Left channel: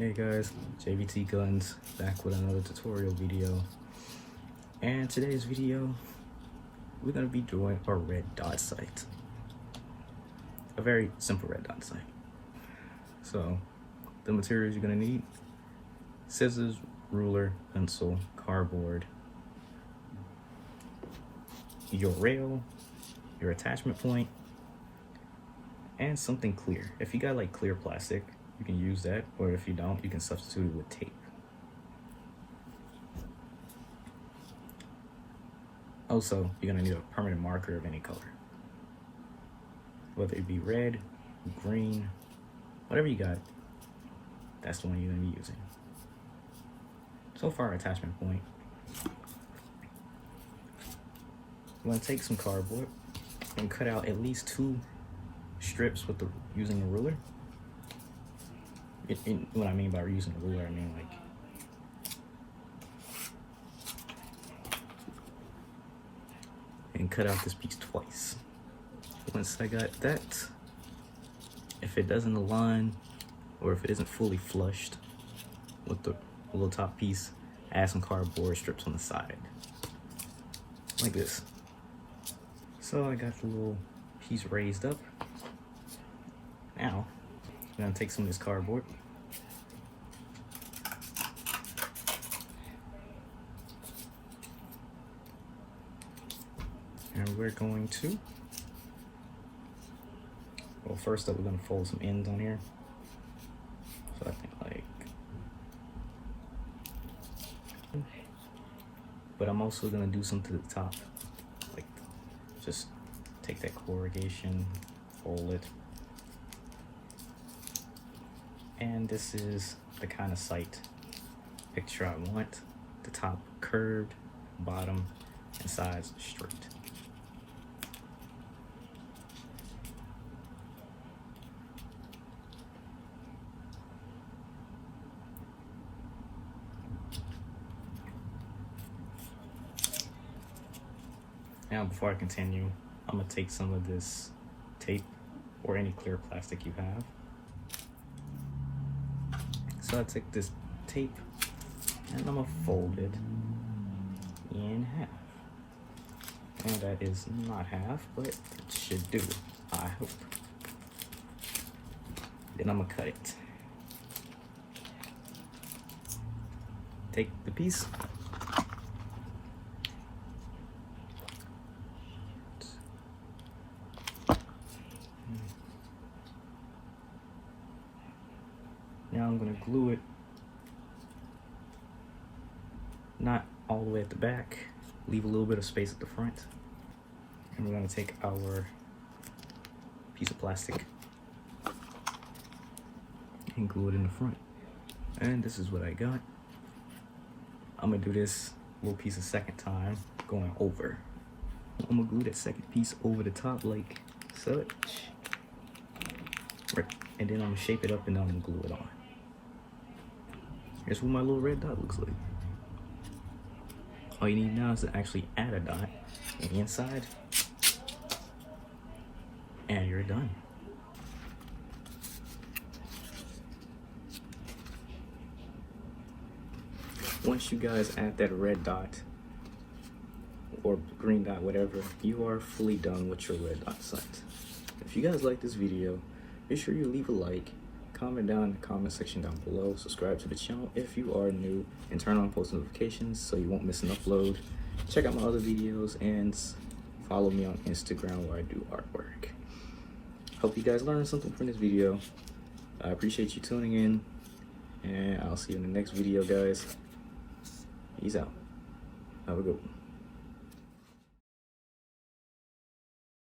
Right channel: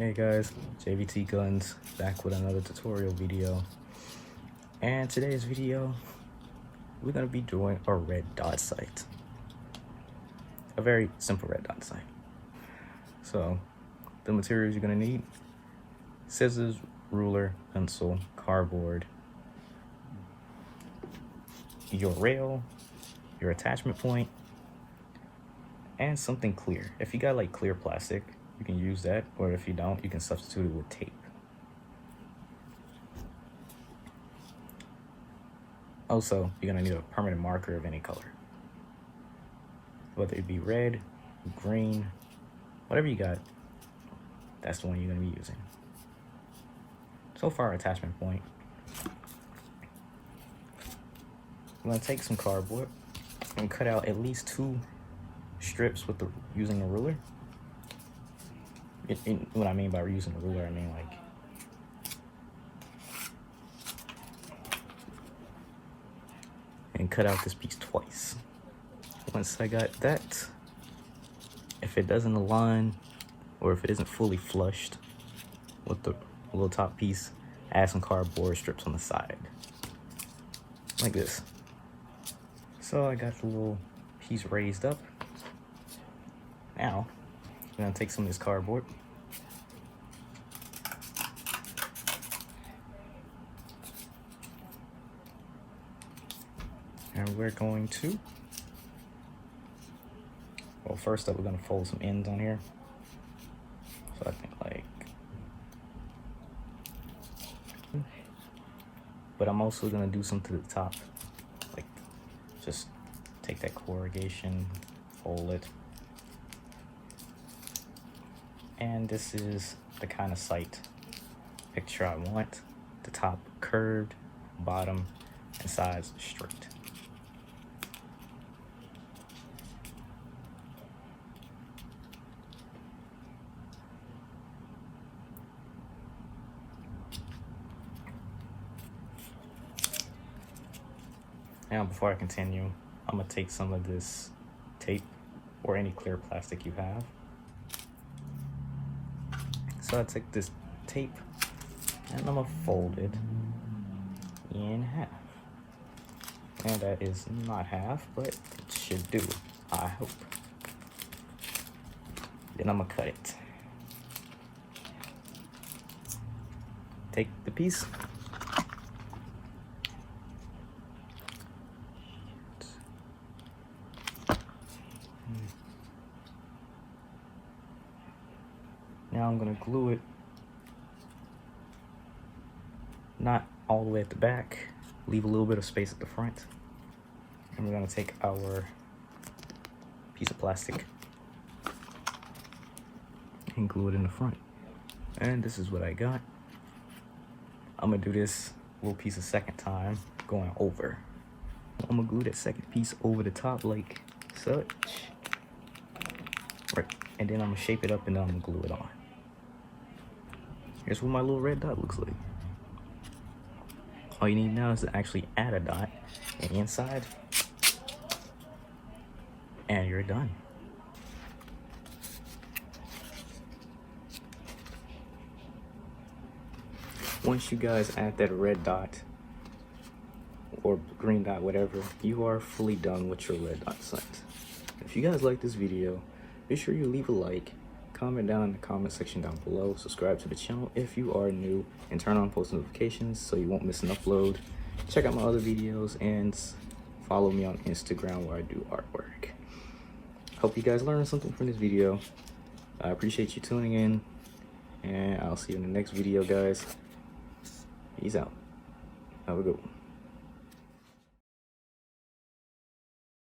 Hey guys, JVT Guns back with another tutorial video. And today's video, we're going to be doing a red dot sight. A very simple red dot sight. So, the materials you're going to need: scissors, ruler, pencil, cardboard, your rail, your attachment point, and something clear. If you got like clear plastic, you can use that, or if you don't, you can substitute it with tape. Also, you're gonna need a permanent marker of any color, whether it be red, green, whatever you got, that's the one you're gonna be using. So for our attachment point, we're gonna take some cardboard and cut out at least 2 strips with using a ruler. What I mean by using a ruler, I mean like and cut out this piece twice. Once I got that, if it doesn't align or if it isn't fully flushed with the little top piece, add some cardboard strips on the side like this. So I got the little piece raised up. Now I'm gonna take some of this cardboard and we're going to, well, first up we're gonna fold some ends on here. So I think like, but I'm also gonna do some to the top, like just take that corrugation, fold it. And this is the kind of sight picture I want. The top curved, bottom and sides straight. Now before I continue, I'm gonna take some of this tape or any clear plastic you have. So I took this tape and I'm gonna fold it in half. And that is not half, but it should do, I hope. Then I'm gonna cut it. Take the piece. Now I'm gonna glue it, not all the way at the back, leave a little bit of space at the front. And we're gonna take our piece of plastic and glue it in the front. And this is what I got. I'm gonna do this little piece a second time, going over. I'm gonna glue that second piece over the top like such. And then I'm gonna shape it up and then I'm gonna glue it on. Here's what my little red dot looks like. All you need now is to actually add a dot on the inside, and you're done. Once you guys add that red dot or green dot, whatever, you are fully done with your red dot sight. If you guys like this video, be sure you leave a like, comment down in the comment section down below, subscribe to the channel if you are new, and turn on post notifications so you won't miss an upload. Check out my other videos and follow me on Instagram where I do artwork. Hope you guys learned something from this video. I appreciate you tuning in, and I'll see you in the next video, guys. Peace out. Have a good one.